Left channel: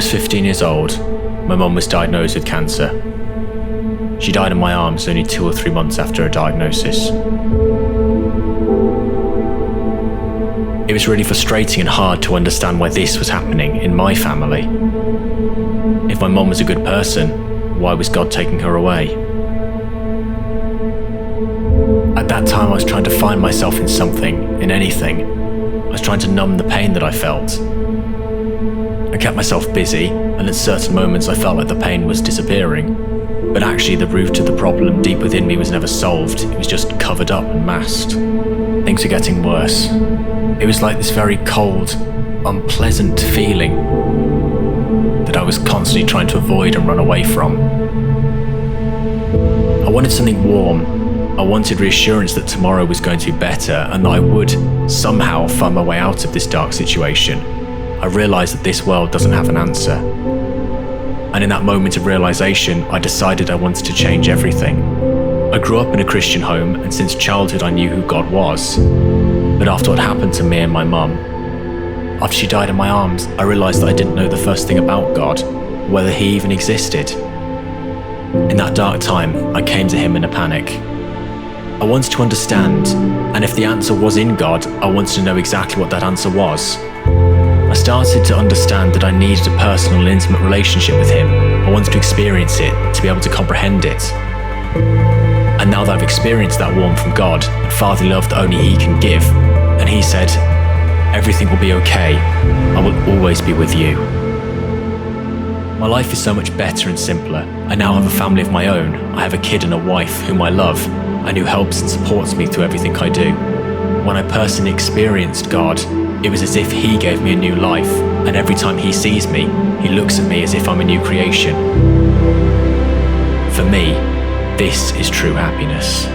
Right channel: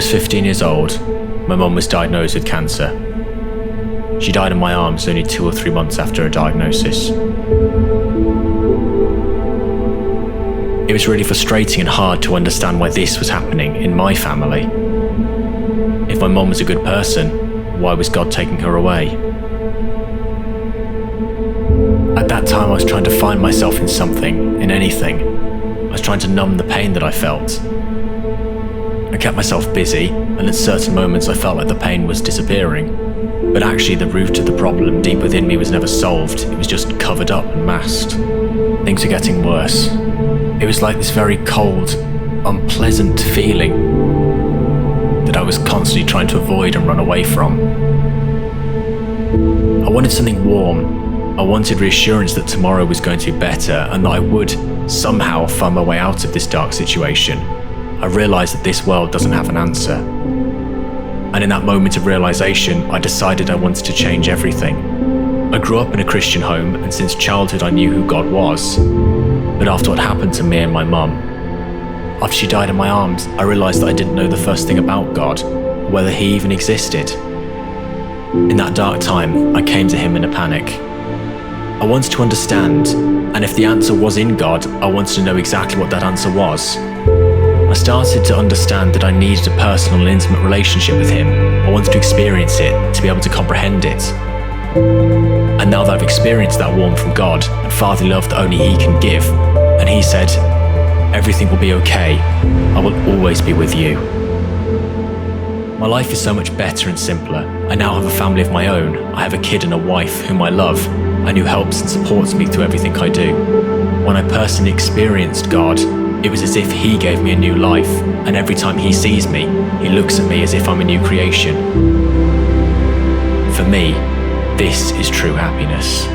was 15 years old, my mum was diagnosed with cancer. She died in my arms only 2 or 3 months after her diagnosis. It was really frustrating and hard to understand why this was happening in my family. If my mum was a good person, why was God taking her away? At that time, I was trying to find myself in something, in anything. I was trying to numb the pain that I felt. I kept myself busy, and at certain moments I felt like the pain was disappearing. But actually the root of the problem deep within me was never solved, it was just covered up and masked. Things were getting worse. It was like this very cold, unpleasant feeling that I was constantly trying to avoid and run away from. I wanted something warm. I wanted reassurance that tomorrow was going to be better and that I would somehow find my way out of this dark situation. I realized that this world doesn't have an answer. And in that moment of realization, I decided I wanted to change everything. I grew up in a Christian home, and since childhood I knew who God was. But after what happened to me and my mum, after she died in my arms, I realized that I didn't know the first thing about God, whether he even existed. In that dark time, I came to him in a panic. I wanted to understand, and if the answer was in God, I wanted to know exactly what that answer was. I started to understand that I needed a personal and intimate relationship with him. I wanted to experience it, to be able to comprehend it. And now that I've experienced that warmth from God and fatherly love that only he can give, and he said, "Everything will be okay. I will always be with you." My life is so much better and simpler. I now have a family of my own. I have a kid and a wife whom I love, and who helps and supports me through everything I do. When I personally experienced God, it was as if he gave me a new life, and every time he sees me, he looks at me as if I'm a new creation. For me, this is true happiness.